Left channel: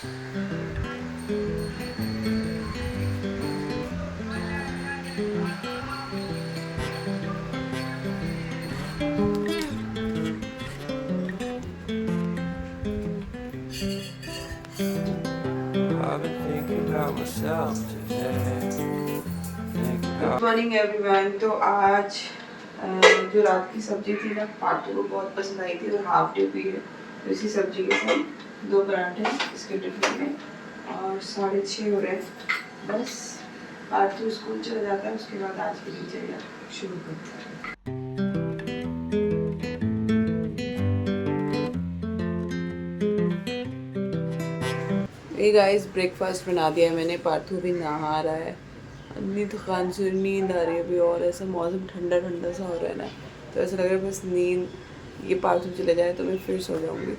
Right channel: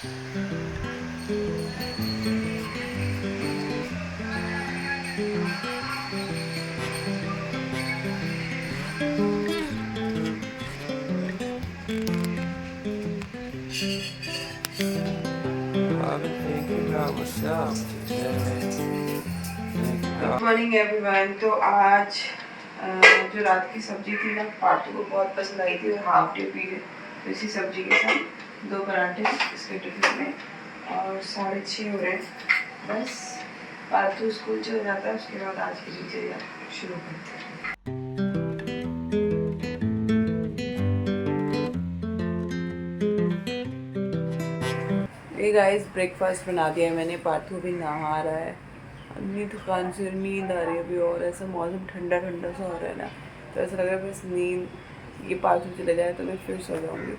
Good morning everyone. तो आज जो रात की सब्जी थी ना, पार्टू को बहुत पसंद आई थी, वो हाफ डे पी है। तो इसी सब्जी के साथ 2 पराठे इसके टिफिन में, और 6:30 हो रहे हैं। बस पार्टू स्कूल चल जाता है, उसके बाद आज की दिनचर्या शुरू करते हैं। गाइस ब्रेकफास्ट बना दिया है मैंने। पार्थू भी नहा रहा है। इतनी थकान से नींद आ रही है अभी, और ऐसा मौसम ठंडा ठंडा सा हो रहा है ना, तो ऐसा लग रहा है बस नींद ये पार्थू चले जाए तो मैं फिर सो जाऊंगी।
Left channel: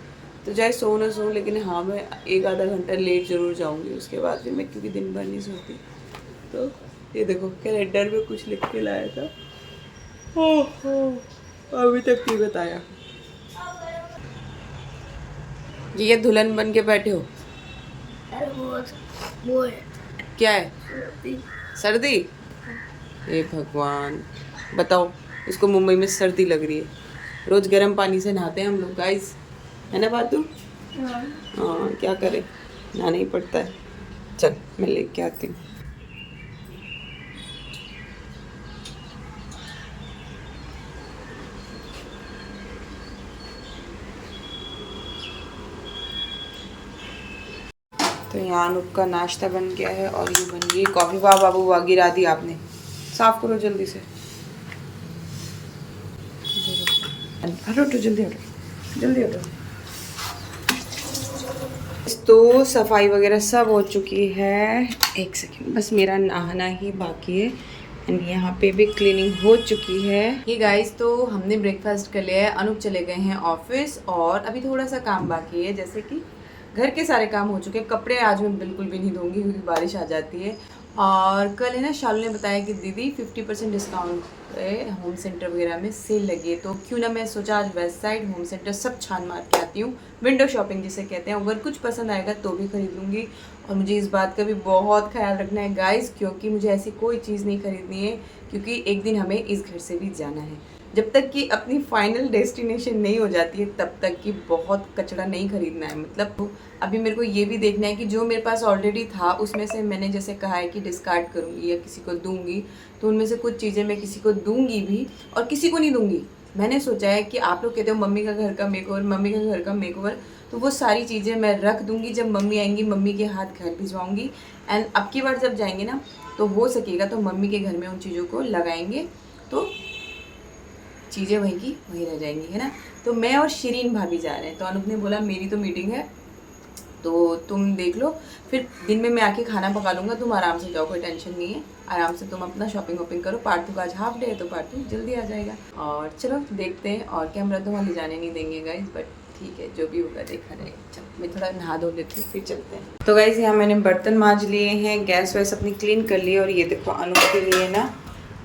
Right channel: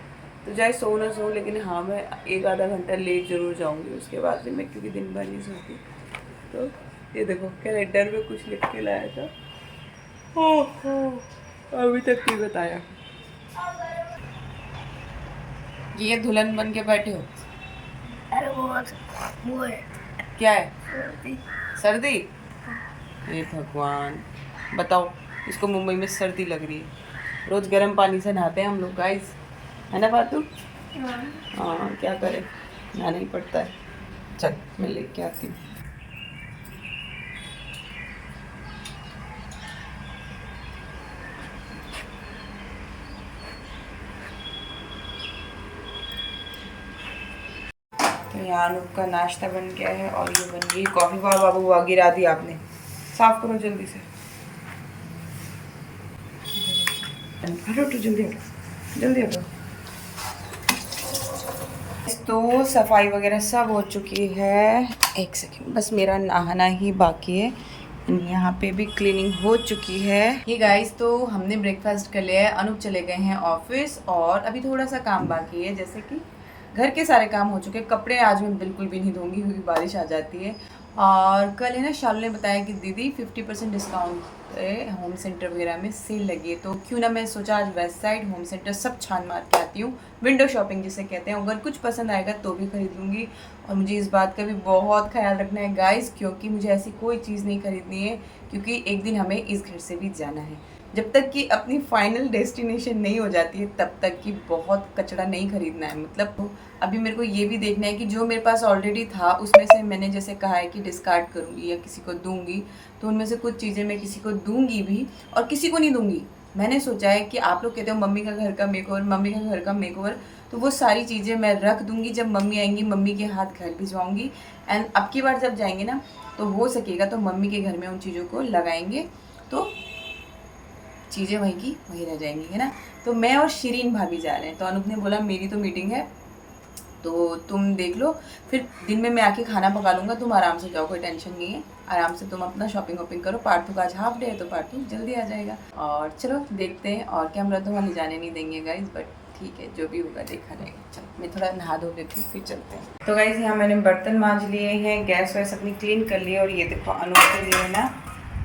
तो चाहे सो ना सो, लेकिन हाँ मैं 1-आधा घंटा लेट ज़रूर जाऊंगी। उसके बाद फिर मैं, क्योंकि दिन भर नहीं सोती। तो ये देखो कैलेंडर में कुछ लिख के लाया था, ओह अभी तक नहीं बताया। ये दुल्हन बन के बैठे हो? वो है क्या है? सर्दी। हे भगवान, बताओ, इसको मुंबई में सर्दी लग रही है। रोज गर्म पानी से नहाते हैं हम लोग गाइस, है ना बातू? हाँ क्या करें, नहाना ही पड़ता है। चल मैं लेके आती हूँ। तो यहाँ अनूप का नाश्ता बन गया है, और ये बन गई कॉफ़ी। वाह बाबू वाह, गिरा दी आपने। साफ करो जल्दी से। हटो हटो, जल्दी हटो, जल्दी हटो। तो सफाई वगैरह सब हो चुकी है। एक सेकेंड, बस मेरा नहाना ही बाकी है। एंड यहाँ पे भी क्लीनिंग हो चुकी है। ये गाइस, तो हमने ब्रेकफास्ट कर लिया है। अनूप चले गए हैं ऑफिस, और अभी थोड़ा सा काम बाकी है, जैसे कि घर के सारे काम हो चुके हैं। कपड़े आज मैं बिल्कुल भी नहीं धोंगी, क्योंकि बारिश आ जाती है। और कल है ना, शालू ने बताया कि दीदी 50% डिस्काउंट पे होम सेंटर वगैरह में सेल लगी है, तो क्यों ना मैं सोचा आज वेस्ट साइड होम सेंटर सब छान मार के आती हूँ। विंडो शॉपिंग जिसे कहते हैं। अगर कुछ पसंद आएगा तो भी खरीद लूँगी। और मुझे इस बात का भी बहुत ख्याल रखना है गाइस, क्योंकि मुझे ऐसी कोई चीज़ नहीं खरीदनी है, क्योंकि एक दिन हमें इस घर से भी जाना है। जब तक कि अपनी फाइनल डेस्टिनेशन नहीं हो जाती है, तब तक कि बहुत कचरा नहीं खरीदना है। मतलब अभी मेरे को ये भी देखना है कि जो मेरे पास ऑलरेडी था, उसमें से मैंने जैसे कहा है कि डिस्कार्ड करूँगी या किसी को दूंगी, तो उनमें से कुछ चीज़ें मैं किसी को दूंगी भी, और किसी को नहीं दूंगी। मैंने सोचा है कि आप लोग कहते हो मम्मी का घर का मेकओवर, मम्मी का घर का मेकओवर, तो वो सारी चीज़ें मैं रख दूंगी। जब मम्मी आएंगी, मम्मी के हाथ घर भिजवाऊंगी। एंड अब की बार जब जाएंगे ना, तो हो सकेगा तो मम्मी के घर में उन चीज़ों को लगाएंगे, तो चीज़ें वहीं की वहीं रह जाएंगी, है ना। तो मैं और शिरीन भाभी जा रहे हैं। तो अनूप ने बोला मेरी तो मीटिंग है, तो तुम देख लो, फिर दिन में मैं आके खाना पका लूँगा, तुम आराम से जाओ, कोई टेंशन नहीं है। आराम से तुम अपना शॉपिंग वॉपिंग करो। पार्थू का आज हाफ डे है, तो पार्थू जल्दी आ जाएगा। और चलो देखते हैं। और कैमरा तो वहाँ ले जाने नहीं देंगे गाइज, बट ठीक है, जो भी होगा देखा जाएगा। चलो मैं थोड़ा नहा धो लेती हूँ, फिर चलते हैं। तो गाइज यहाँ मैंने बर्तन मांज लिए हैं, गैस वैस अपनी क्लीन कर ली है। और ये देखो अनूप के लिए ना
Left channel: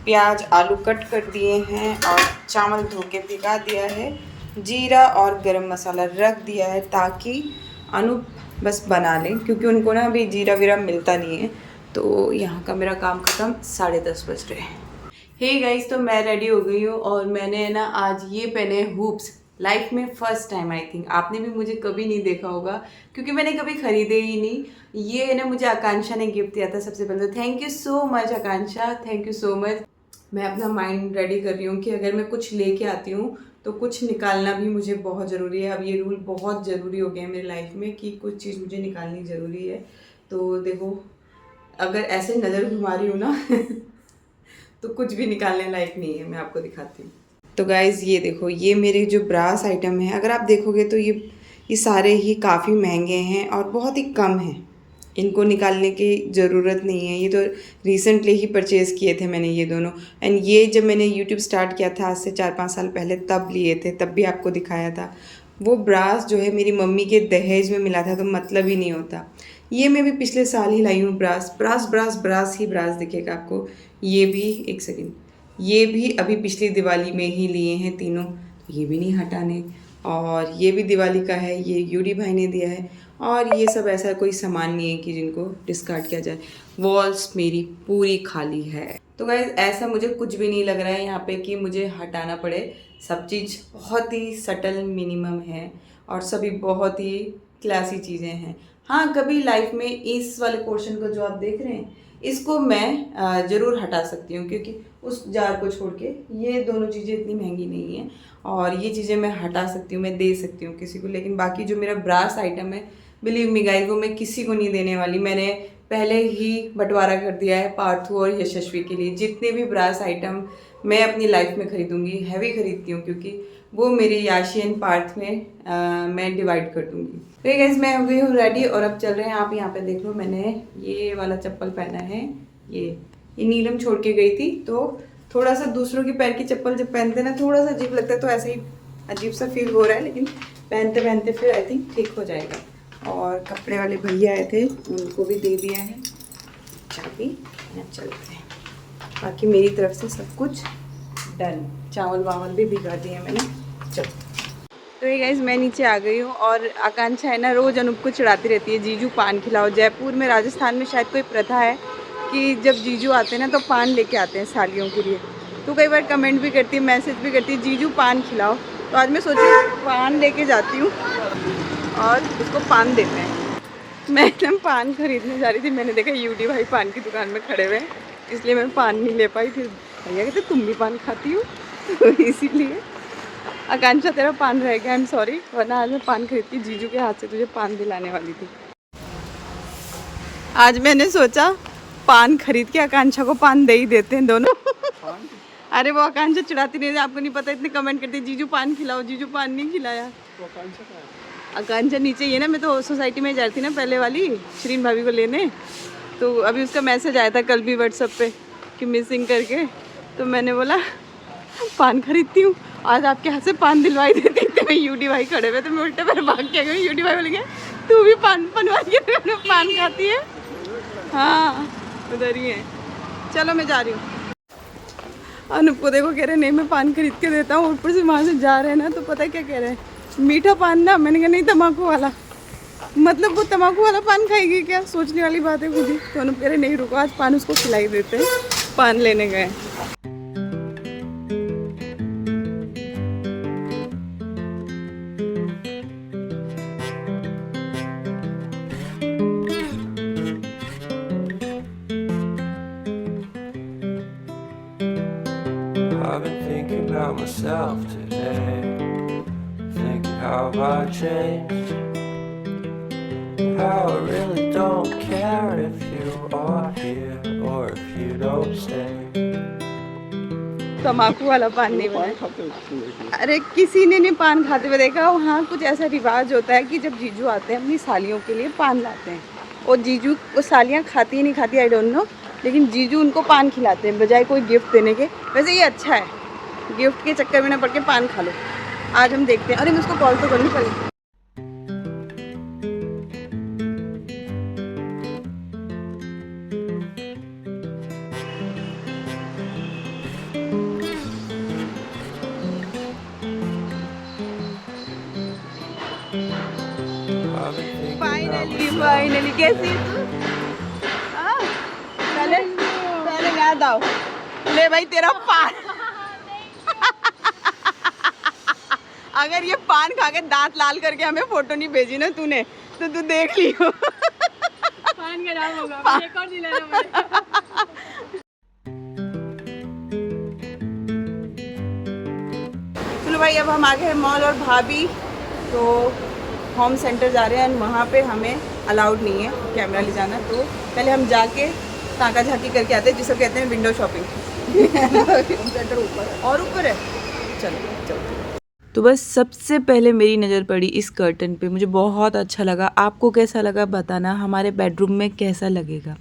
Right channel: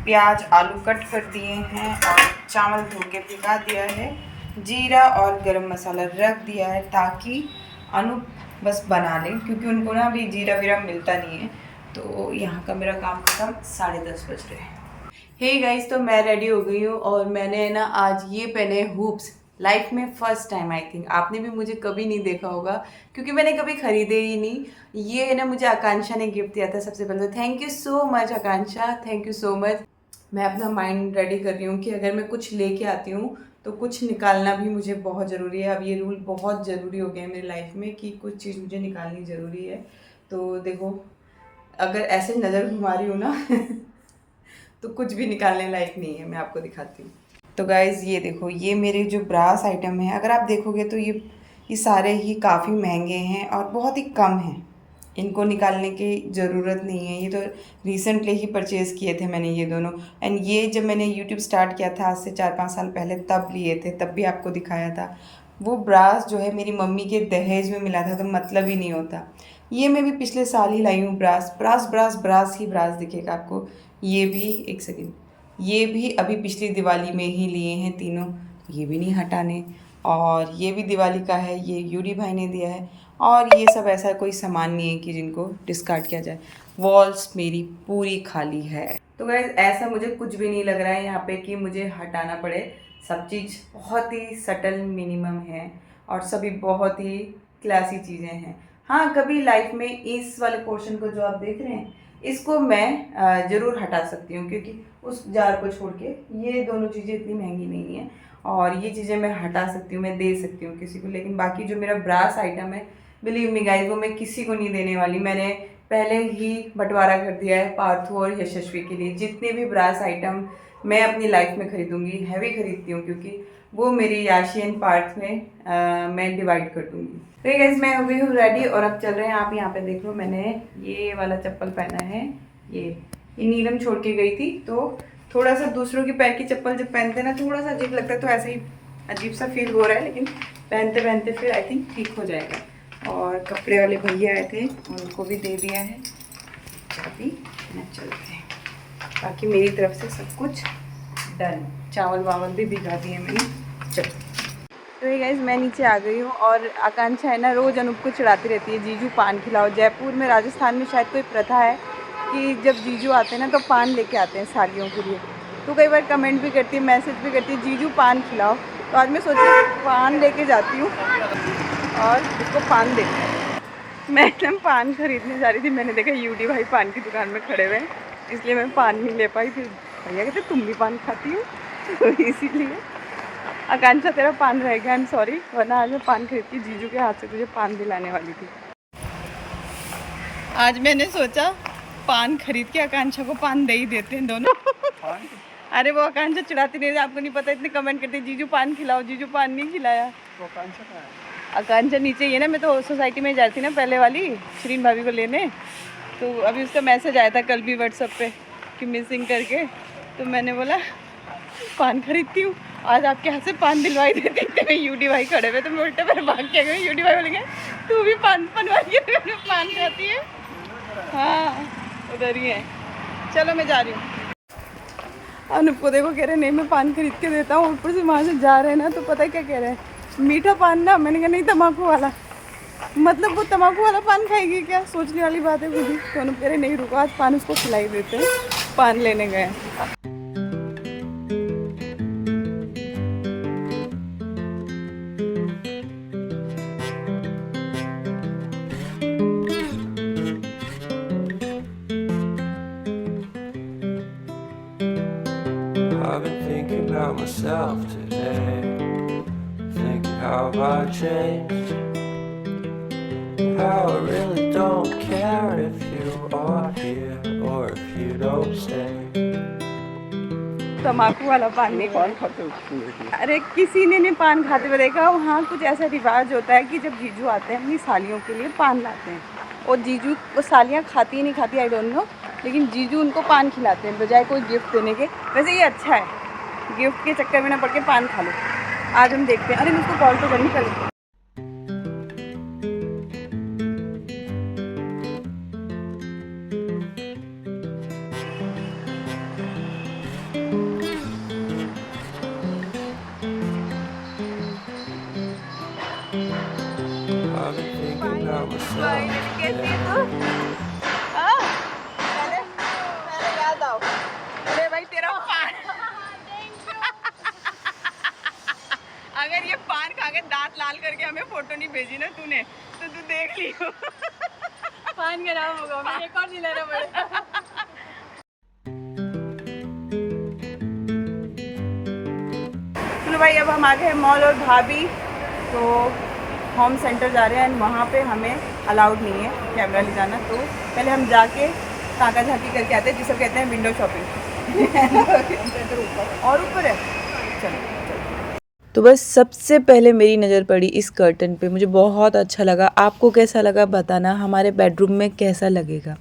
प्याज आलू कट कर दिए हैं, और चावल धो के भिगा दिया है। जीरा और गरम मसाला रख दिया है, ताकि अनूप बस बना लें, क्योंकि उनको ना अभी जीरा वीरा मिलता नहीं है। तो यहाँ का मेरा काम ख़त्म, 10:30 बज रहे हैं। हे गाइस, तो मैं रेडी हो गई हूँ, और मैंने ना आज ये पहने हुप्स। लाइफ में फ़र्स्ट टाइम आई थिंक, आपने भी मुझे कभी नहीं देखा होगा, क्योंकि मैंने कभी ख़रीदे ही नहीं। ये ना मुझे आकांक्षा ने गिफ्ट दिया था सबसे पहले। Thank you so much Akanksha, thank you so much. मैं अपना माइंड रेडी कर रही हूँ कि अगर मैं कुछ लेके आती हूँ, तो कुछ निकालना भी मुझे बहुत ज़रूरी है। अब ये रूल बहुत ज़रूरी हो गया है मेरी लाइफ में, कि कुछ चीज़ मुझे निकालनी ज़रूरी है। तो देखो, अगर ऐसे नज़र घुमा रही हूँ ना तो कुछ भी निकालने लायक नहीं है। मैं आपको दिखाती हूँ। तो गाइज़ ये देखो, ये मेरे जो ब्रास आइटम है, अगर आप देखोगे तो ये सारे ही काफ़ी महंगे हैं और बहुत ही कम हैं। इनको निकालने की ज़रूरत नहीं है। ये तो रिसेंटली ही परचेज़ किए थे मैंने ये दोनों। एंड ये जब मैंने यूट्यूब स्टार्ट किया था आज से 4-5 साल पहले, तब लिए थे, तब भी आपको दिखाया था। वो ब्रास जो है मेरी मम्मी के दहेज में मिला था, तो मतलब ही नहीं होता। ये मैं भी पिछले साल ही लाई हूँ ब्रास। ब्रास ब्रास ब्रास ही ब्रास दिखेगा आपको। ये भी, एक सेकेंड, ये भी अभी पिछली दिवाली में ही लिए हैं तीनों, तो ये भी नहीं हटाने। और ये भी दिवाली का है, ये यूडी भाई ने दिया है। और ये सब ऐसा कोई सामान नहीं है कि जिनको डिस्कार्ड किया जाए। वॉल्स मेरी पूरी खाली है। तो गाइस ऐसा मुझे कुछ भी नहीं लग रहा है यहाँ पे कि मुझे हटाना पड़े। सब चीज़ बहुत ही सटल मिनिमम है और सभी बहुत ही क्लासी चीज़ें हैं। हाँ, कभी लाइफ में इस वाले पोर्शन को जो आप देख रहे हैं इसको मैं ज़रूर हटा सकती हूँ, क्योंकि उस जार को छोड़ के ये दोनों चीज़ें इतनी महंगी नहीं हैं और ये चीज़ें मैं हटा सकती हूँ, मैं दे सकती हूँ किसी को। लेकिन बाकी जो मेरा ब्रास आइटम है, बिलीव मी गाइस, वो मैं किसी को नहीं देने वाली। मैंने पहले ही बंटवारा कर दिया है पार्थू और यशस्वी के लिए। जितने भी ब्रास आइटम मैं अपनी लाइफ में खरीदूंगी, हैवी खरीदती हूँ, क्योंकि वो मेरे याशी एंड पार्थ में मैं डिवाइड कर दूँगी। तो ये गाइस मैं हो गई हूँ रेडी और अब चल रहे हैं। आप यहाँ पे देख लो, मैंने ये वाला चप्पल पहना है। ये नीलम छोड़ के गई थी, तो थोड़ा सा दूसरों की पैर की चप्पल जब पहनते ना थोड़ा सा अजीब लगता है, तो ऐसे ही अजीब सा फील हो रहा है, लेकिन पहनते पहनते फिर आई थिंक ठीक हो जाएगा। और कपड़े वाले भैया आए थे, उनको भी दे दिया है चाबी। चलते हैं, बाकी मेरी तरफ से सब कुछ डन। चावल वावल भी भिगा दिए मैंने। चलो तो ये गाइस मैं नीचे आ गई हूँ और आकांक्षा है ना रोज़ अनूप को चिढ़ाती रहती है, जीजू पान खिलाओ। जयपुर में, राजस्थान में शायद कोई प्रथा है कि जब जीजू आते हैं ना तो पान लेके आते हैं सालियों के लिए। तो कई बार कमेंट भी करती है, मैसेज भी करती है, जीजू पान खिलाओ। तो आज मैं सोची पान लेके जाती हूँ और इसको पान देते हैं। मैं पान खरीदने जा रही थी, मैंने देखा यूडी भाई पान की दुकान में खड़े हुए हैं, इसलिए मैं पान नहीं ले पाई। फिर भैया कहते तुम भी पान खाती हो, तो इसीलिए आकांक्षा तेरा पान रह गया, आई एम सॉरी, वरना आज मैं पान खरीद के जीजू के हाथ से तुझे पान दिलाने वाली थी। आज मैंने सोचा पान खरीद के आकांक्षा को पान दे ही देते हैं दोनों। अरे वो आकांक्षा चिढ़ाती नहीं, आपको नहीं पता, इतने कमेंट करते जीजू पान खिलाओ, जीजू पान नहीं खिलाया। तो आकांक्षा कहाँ है? आकांक्षा नीचे ही है ना, मैं तो सोसाइटी में जा रही थी ना पहले वाली श्रीन भाभी को लेने, तो अभी उसका मैसेज आया था कल भी व्हाट्सएप पे कि मिसिंग करके। तो मैंने बोला पान खरीदती हूँ, आज आपके हाथ से पान दिलवाई देती थी। मैं यूडी भाई खड़े हुए, तो मैं उल्टे पर भाग के गई। यूडी भाई बोलेंगे तू भी पान बनवाई के पान खाती है। हाँ उधर ही है। चलो मैं जा रही हूँ। अनूप को देखो, कह रहे नहीं मैं पान खरीद के देता हूँ। ऊपर से वहाँ से जा रहे हैं ना, तो पता है क्या कह रहे हैं, मीठा पान ना। मैंने कहा नहीं तम्बाकू वाला। मतलब वो तम्बाकू वाला पान खाएगी क्या, सोचने वाली बात है खुद ही। तो अनूप कह रहे नहीं रुको, आज पान उसको खिलाई देते हैं। पान लेने गए। I've been thinking about myself today, thinking how I changed, how I really don't care if you are here or if you don't stay. तम्बाकू वाला पान नहीं खाते। अरे किसी ने नहीं पान खाते हुए देखा। वहाँ कुछ ऐसा रिवाज होता है कि जब जीजू आते हैं अपनी सालियों के लिए पान लाते हैं, और जीजू वो सालियाँ खाती ही नहीं खाती, आई डोंट नो, लेकिन जीजू उनको पान खिलाते हैं बजाय कोई गिफ्ट देने के। वैसे ये अच्छा है, गिफ्ट के चक्कर में ना पड़ के पान खा लो। आज हम देखते हैं। अरे मैं उसको कॉल तो करनी पड़ेगी। I've been thinking about myself. Finally कैसी है तू? हाँ पहले पहले याद आओ, ले भाई तेरा पान। अगर ये पान खा के दांत लाल करके हमें फोटो नहीं भेजी ना तूने, तो तू देख लियो पान खराब होगा, मुझे एक और दिलाना पड़ेगा। चलो भाई अब हम आ गए मॉल, और भाभी तो होम सेंटर जा रहे हैं, एंड वहाँ पे हमें अलाउड नहीं है कैमरा ले जाना। तो पहले हम जाके ताका झाकी करके आते हैं, जिसे कहते हैं विंडो शॉपिंग। और ऊपर है, चलो चलो। तो बस सबसे पहले मेरी नज़र पड़ी इस कर्टन पे, मुझे बहुत अच्छा लगा। आपको कैसा लगा बताना, हमारे बेडरूम में कैसा लगेगा।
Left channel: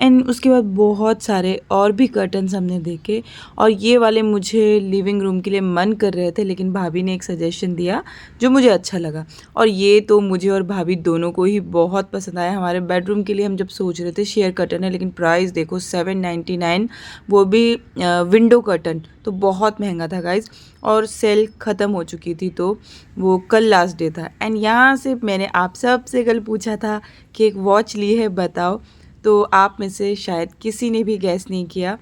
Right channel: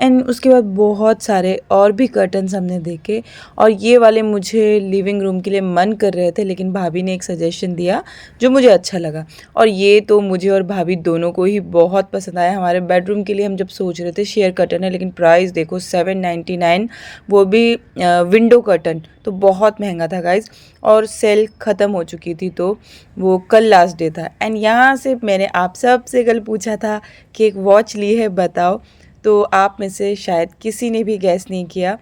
एंड उसके बाद बहुत सारे और भी कर्टन्स हमने देखे, और ये वाले मुझे लिविंग रूम के लिए मन कर रहे थे, लेकिन भाभी ने एक सजेशन दिया जो मुझे अच्छा लगा, और ये तो मुझे और भाभी दोनों को ही बहुत पसंद आया। हमारे बेडरूम के लिए हम जब सोच रहे थे, शेयर कर्टन है, लेकिन प्राइस देखो 799, वो भी विंडो कर्टन, तो बहुत महंगा था गाइज़। और सेल ख़त्म हो चुकी थी, तो वो कल लास्ट डे था। एंड यहाँ से मैंने आप सब से कल पूछा था कि एक वॉच ली है बताओ, तो आप में से शायद किसी ने भी गैस नहीं किया।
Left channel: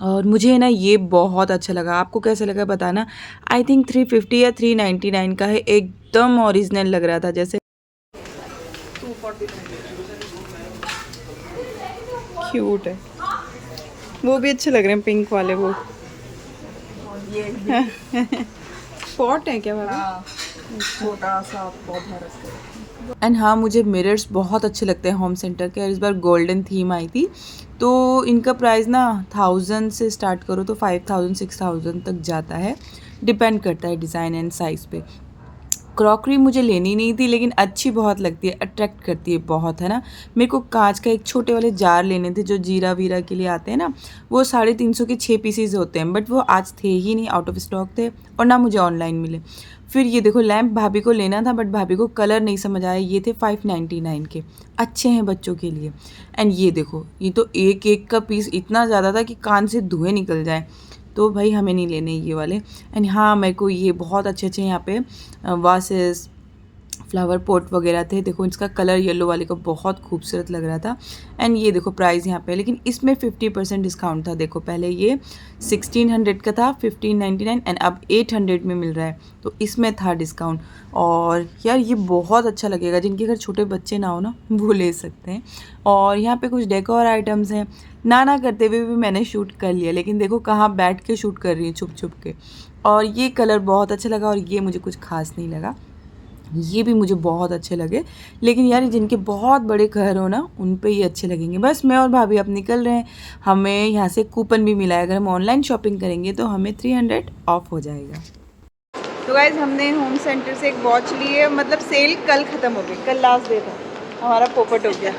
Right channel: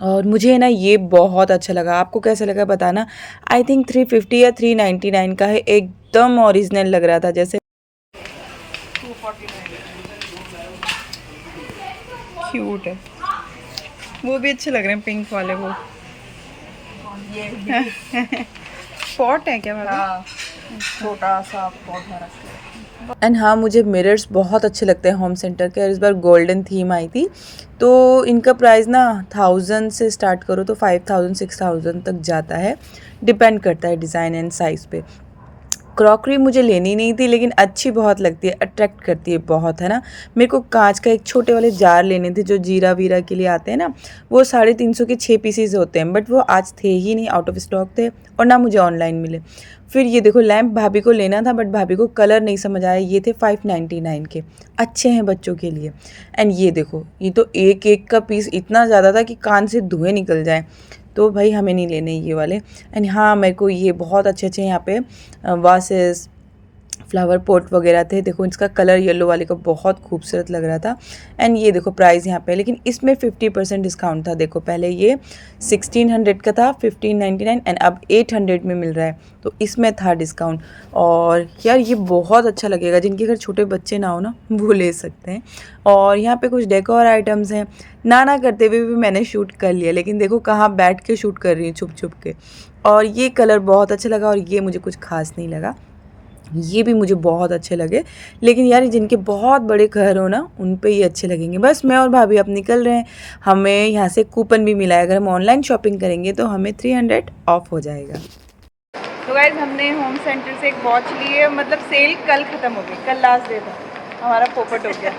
और मुझे ना ये बहुत अच्छा लगा, आपको कैसा लगा बताना। आई थिंक 350 या 399 का है, एकदम ओरिजिनल लग रहा था, जैसे 249 क्यूट है। वो भी अच्छे लग रहे हैं पिंक वाले वो। पॉट है क्या भाभी? छोटा सा पौधा रखते। एंड हाँ, मुझे मिरर्स बहुत अच्छे लगते हैं होम सेंटर के, और इस बार गोल्डन थीम आई थी, तो इनका प्राइस ना 1000 से स्टार्ट करो तो 5000 6000 तक जाता है, डिपेंड करता है डिज़ाइन एंड साइज़ पे। क्रॉकरी मुझे लेनी नहीं थी, लेकिन अच्छी बहुत लगती है, अट्रैक्ट करती है बहुत, है ना। मेरे को कांच का एक छोटे वाले जार लेने थे जो जीरा वीरा के लिए आते हैं ना, वो 350 के 6 पीसीज होते हैं, बट वो आज थे ही नहीं, आउट ऑफ स्टॉक थे, और ना मुझे ऑनलाइन मिले। फिर ये देखो लैम्प भाभी को लेना था, बट भाभी को कलर नहीं समझ आया, ये थे 599 के, अच्छे हैं बच्चों के लिए। एंड ये देखो, ये तो एक एक का पीस इतना ज़्यादा था कि कान से धुएँ निकल जाएँ, तो भाई हमें नहीं लेने ये वाले। एंड हाँ, मेरे को ये बहुत अच्छे अच्छे यहाँ पे वासेस, फ्लावर पॉट वगैरह थे। देखो इसका कलर येलो वाले का बहुत खूबसूरत लग रहा था। एंड ये देखो प्राइस यहाँ पे, लेकिन इसमें 50% डिस्काउंट था। देखो पहले ये 1600 का था, 1599, एंड अब 800 में मिल रहा है, तो इसमें था डिस्काउंट। और यार ये बहुत अच्छा लगेगा, जिनके घर छोटे बच्चे ना हो ना, वो ले सकते हैं। और यहाँ पे कुछ डेकोर आइटम्स हैं, ना करते हुए भी मैंने शूट कर लिया, लेकिन देखो कहाँ बैठ के शूट कर रही हूँ छुप छुप के। और ये कलर बहुत अच्छा लगा, और ये मुझे कुछ खास नहीं लगा, ये भी मुझे बहुत अच्छे लगे। लेकिन यार जिनके बहुत बड़े घर हो ना, उन पे ये अच्छे लगेंगे। बस मैं और भाभी अब निकल रहे हैं, हमें यहाँ से कूपन भी मिला है, अगर हम ऑनलाइन शॉपिंग करेंगे तो हमें 300 ऑफ हो जाएगा। तो गाइज हमने होम सेंटर से एक वॉच ली है, मतलब सेल कल ख़त्म हो गई, कल लास्ट डे था, हमारा पोपट हो गया।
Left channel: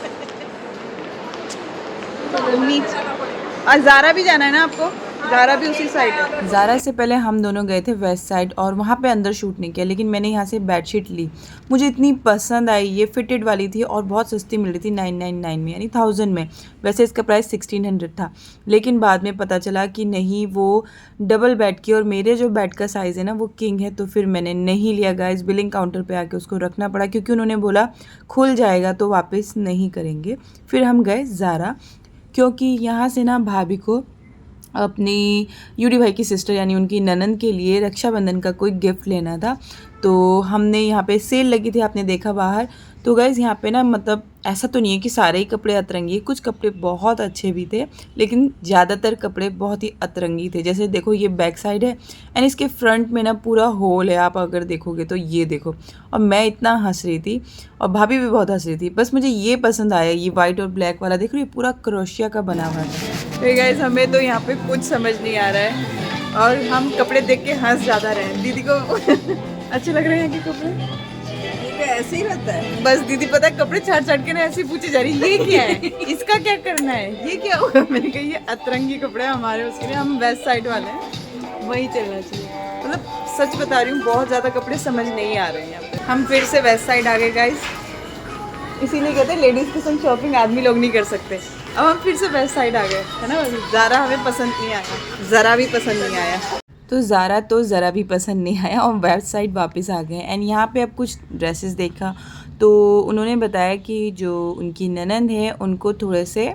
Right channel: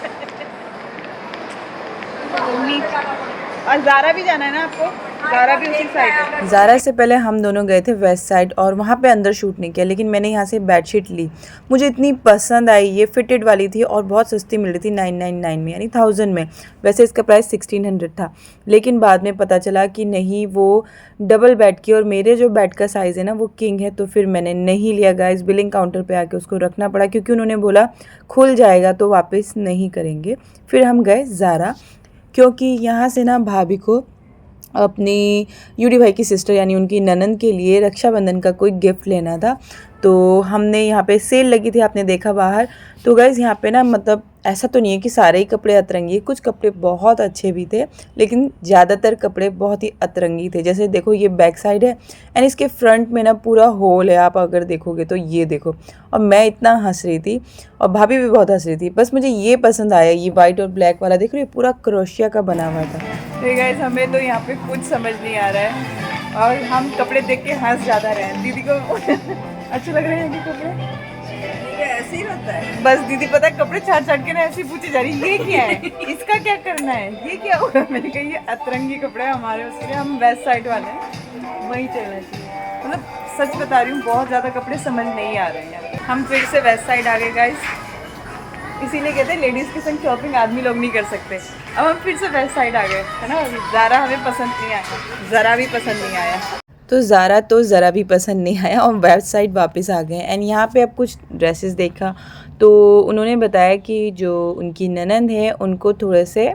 और ज़ारा भी जाना है ना आपको? ज़ारा भी उसी साइड है। ज़ारा से पहले हम दोनों गए थे वेस्ट साइड, और वहाँ पे अंदर शूट नहीं किया, लेकिन मैंने यहाँ से बेडशीट ली, मुझे इतनी पसंद आई। ये फिटेड वाली थी और बहुत सस्ती मिल रही थी, 999 में, यानी 1000 में। वैसे इसका प्राइस 1600 था, लेकिन बाद में पता चला कि नहीं, वो डबल बेड की, और मेरे जो बेड का साइज़ है ना वो किंग है, तो फिर मैंने नहीं लिया गाइस। बिलिंग काउंटर पर आके उसको रखना पड़ा, क्योंकि उन्होंने बोला खुल जाएगा तो वापस नहीं करेंगे। फिर हम गए ज़ारा, क्योंकि यहाँ से ना भाभी को अपनी यूडी भाई की सिस्टर यानी उनकी ननंद के लिए रक्षाबंधन का कोई गिफ्ट लेना था। तो हमने यहाँ पे सेल लगी थी, आपने देखा बाहर। तो गाइज़ यहाँ पे ना, मतलब ऐसा तो नहीं है कि सारे ही कपड़े अतरंगी, कुछ कपड़े बहुत अच्छे भी थे, लेकिन ज़्यादातर कपड़े बहुत ही अतरंगी थे। जैसे देखो ये बैक साइड है, एंड इसके फ्रंट में ना पूरा होल है, आप अगर देखोगे तो ये देखो। और मैं इतना हंस रही थी, और भाभी भी बहुत हंस रही थी। बस मुझे ये पसंद आया, ये वाइट और ब्लैक वाला, देख रहे हो ये पूरा क्रोशिया का बना हुआ था। तो गाइस हमें तो यहाँ पे कुछ समझ नहीं आ रहा है, और हम कपड़े देख के हंस ज़्यादा रहे हैं। दीदी को अच्छे लग रहे हैं कि कपड़े? ऐसे ही रहता है। बस दीदी पता है कपड़े छाट के ना ऐसे पूछे जा रही है, ये क्या है, इसका क्या करना है, ये क्या होगा। मैंने कहा ये अतरंगी कपड़े हमारे उसके लिए, हम वेस्ट साइड वाले हैं, वही चलना चाहिए। मतलब सच बता रही हूँ, बहुत ज़्यादा कपड़े समझ नहीं आ रहे हैं यहाँ पे। हम फिर से वेस्ट साइड आ गए गाइस, इसीलिए कहते हैं लेडीज़ के संग शॉपिंग आदमी लोग नहीं कर सकते। अब हम फिर से वेस्ट साइड आ गए, है ना। ज़ारा हमें पसंद नहीं आया, ज़रा भी पसंद नहीं आया, तो ज़ारा तो ज़रा भी पसंद नहीं आया, और वेस्ट साइड वापस आ गए। एंड यहाँ पे अब कुछ ड्रेसेस देखा, तो उन्होंने बताया कि जो उनकी ननंद है उनको थोड़े से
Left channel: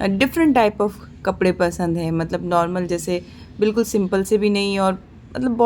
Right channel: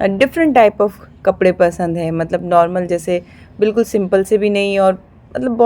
डिफरेंट टाइप ऑफ कपड़े पसंद है, मतलब नॉर्मल जैसे बिल्कुल सिंपल से भी नहीं, और मतलब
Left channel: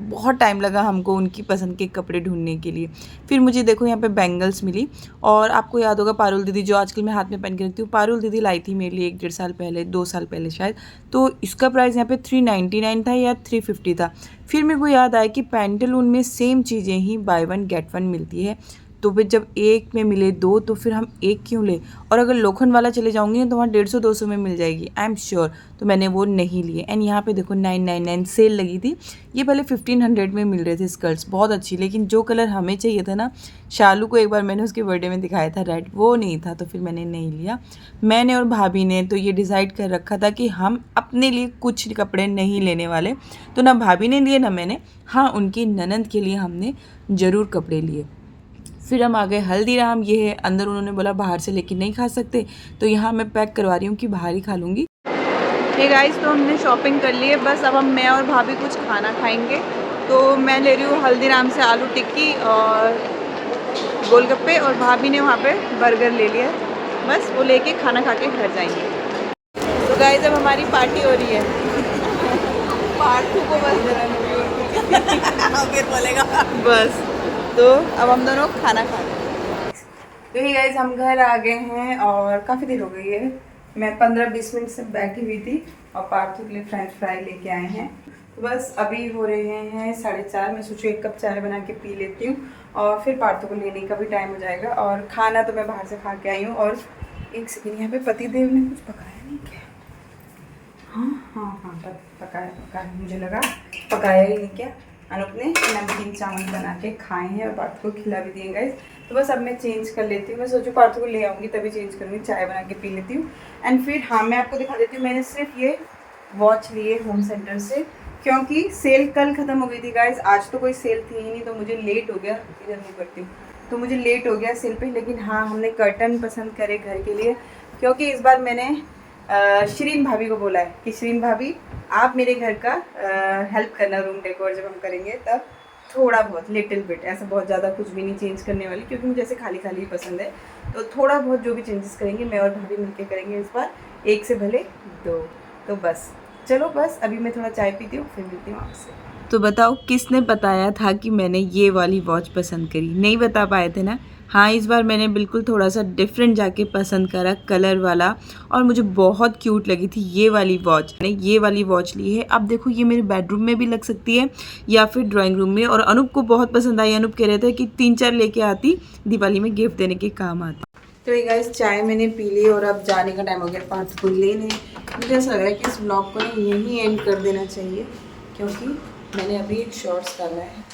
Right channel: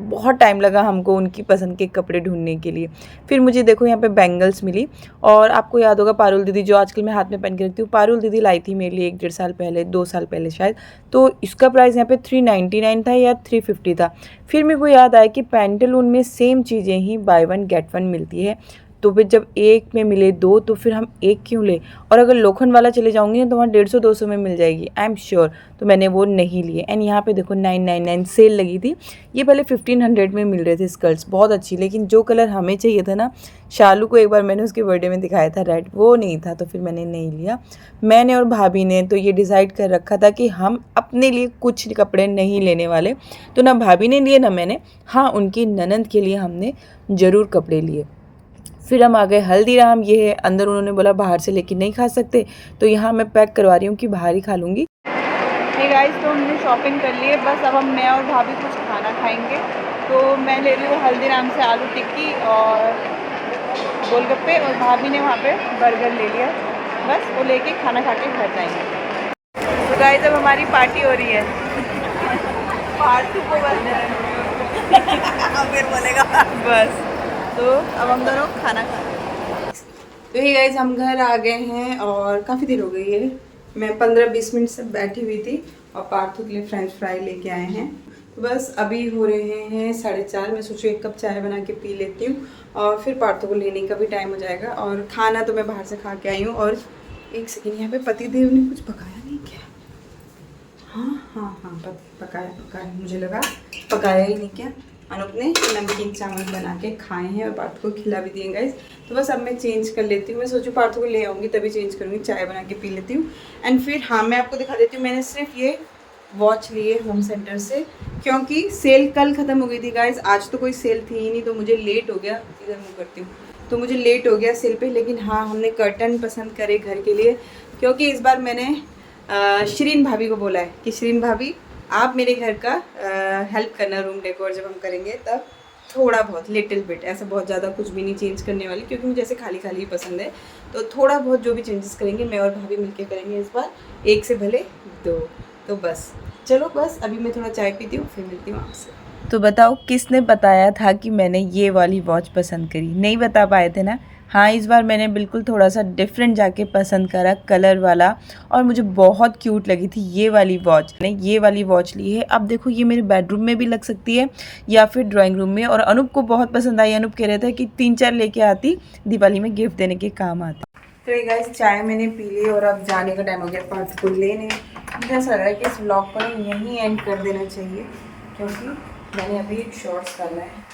बहुत टाइम लगा हमको उनकी पसंद के कपड़े ढूंढने के लिए। फिर मुझे देखो यहाँ पे बैंगल्स मिली, और आपको याद होगा पारुल दीदी जो आजकल मैं हाथ में पहन के रखती हूँ, पारुल दीदी लाई थी मेरे लिए 1-1.5 साल पहले, 2 साल पहले शायद। तो इसका प्राइस यहाँ पे 399 था या 350 था। फिर मेरे को याद आया कि पैंटालून में सेम चीज़ें ही बाय 1 गेट 1 मिलती है, तो फिर जब एक में मिले 2 तो फिर हम एक क्यों ले। और अगर लोखंड वाला चले जाऊंगी ना तो वहाँ 150-200 में मिल जाएगी, आई एम श्योर। तो मैंने वो नहीं लिए। एंड यहाँ पे देखो 999 सेल लगी थी। ये पहले 1500 में मिल रहे थे स्कर्ट्स, बहुत अच्छी, लेकिन जो कलर हमें चाहिए था ना, शालू को एक बार मैंने उसके बर्थडे में दिखाया था रेड, वो नहीं था, तो फिर मैंने नहीं लिया। मैंने और भाभी ने तो ये डिसाइड कर रखा था कि हम अपने लिए कुछ कपड़े नहीं लेने वाले, तो ना भाभी ने लिए ना मैंने। हाँ, उनकी ननंद के लिए हमने ज़रूर कपड़े लिए। फिर हम आ गए हल्दीराम, ये है अंदर, उन्होंने बोला बाहर से लेके नहीं खा सकते, तो यहाँ मैं पैक करवा रही हूँ कि बाहर ही खा लूँगी। हे गाइस, तो हमने शॉपिंग कर ली है, बस अब हम मैं और भाभी कुछ खाना खाएंगे। तो मैं ले रही हूँ हल्दीराम से आलू टिक्की और गोलगप्पे, और भाभी ने वहाँ पे बर्गर ले लिया है। बस वो लेके खाना खा के घर जाएंगे। तो गाइस, अब हमारी पार्टी हो रही है। पार्ट 2 को बस बोलेगा बस तो अब हम दोनों खाना खा रहे हैं। तो ये गाइस, हम घर आ गए हैं और काफ़ी देर हो गई है। मैं 15-20 मिनट से बैठी हुई थी और पार्थू के लिए फ्रेंच फ्राई लेके आए हैं। तो बस अभी हो रहे हैं 4:30। मैं सोचूं 1 कप चाय बना के पी लेती हूँ और फिर पार्थू को लेने का भी टाइम हो जाएगा। और खाना तो मैं बाहर से खा के आई हूँ। और एक सेकेंड, यहाँ पे पतिदेव ने कुछ पकाया नहीं क्या? हाँ, पकाया। मुझे लगा पकाया ही नहीं क्या। अनूप ने नमकीन चावल बना के खाए हैं और पार्थू को खिला भी दिए गाइस। तो बस अब मैं चेंज कर लेती हूँ। मैं सोचूं पार्थू को ले आऊँगी तभी चेंज करूँगी, चाय बना के पी लेती हूँ। एंड फिर हाँ, मैं आपको दिखा देती हूँ, मैंने सिर्फ ये वॉच लिए होम सेंटर से क्योंकि सेल कल ख़त्म हो गई थी गाइस। आज तो कोई सेल थी ही नहीं, तो मुझे लेट हो गया। इधर मुँह करती हूँ, तो मुझे लेट हो गया सेल पे। लेकिन हाँ, हमने कर्टन पसंद करे घर के लिए, क्योंकि इस बार मैंने शरीन भाभी को बोला है कि शरीन भाभी आप मेरे घर का हेल्प करना, रूम डेकोर जब हम करेंगे तब थोड़ा बहुत लिटिल बिट, ऐसा बहुत ज़्यादा कुछ भी नहीं चेंज करने वाली, क्योंकि मुझे ऐसे खाली खाली ही पसंद है। तो थोड़ा बहुत जो भी चेंजेस करेंगे मैं और भाभी मिलके करेंगे इस बार, 1 से भले 2। तो बस चलो, बस अभी मैं थोड़ा चाय पीती हूँ, फिर मिलती हूँ आपसे। तो बताओ किसने बताया था कि मैंने ये वाली वॉच पसंद करी? नहीं बता पाए थे ना। हाँ, इस बार मैंने बिल्कुल थोड़ा सा डिफरेंट जाके पसंद करा, कलर वाला, और मुझे बहुत क्यूट लगी थी ये वाली वॉच। मैंने ये वाली वॉच ली है। अब देखो, ये मेरे बेडरूम में भी लग सकती है या फिर ड्राइंग रूम में। और अनूप को बहुत पसंद आई। अनूप कह रहे थे कि 3-4 लेके आती, दिवाली में गिफ्ट देने के काम आती। तो ये गाइस, चाय मैंने पी ली और अब जाने का टाइम हो गया पार्थू को लेने। मुझे ऐसा लग रहा है कि इस ब्लॉग को यहीं एंड कर देना चाहिए, क्योंकि मैंने अभी एक शॉर्ट्स डाला है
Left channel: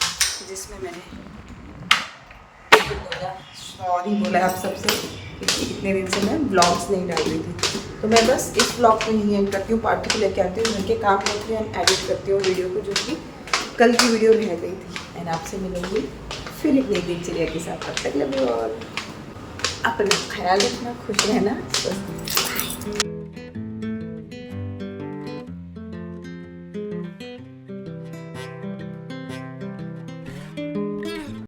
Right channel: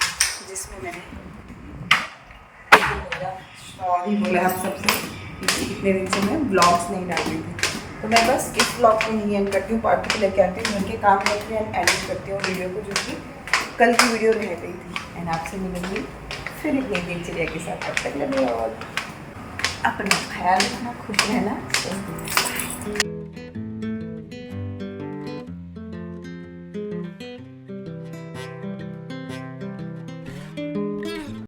जिसमें मैंने सॉरी बोला आप सबसे, इतने दिन से मैं ब्लॉग्स नहीं डाल रही थी। तो मैं बस इस ब्लॉग को नहीं एंड करती हूँ, पार्टी को लेके आती हूँ, घर के काम करती हूँ एंड एडिट करती हूँ वीडियो को, जो कि कल की वीडियो रह गई थी। एंड आपसे मिलेंगी फिर एक नई दिनचर्या के साथ। तब तक लगे और अपना ख्याल रखना, खुश रहना।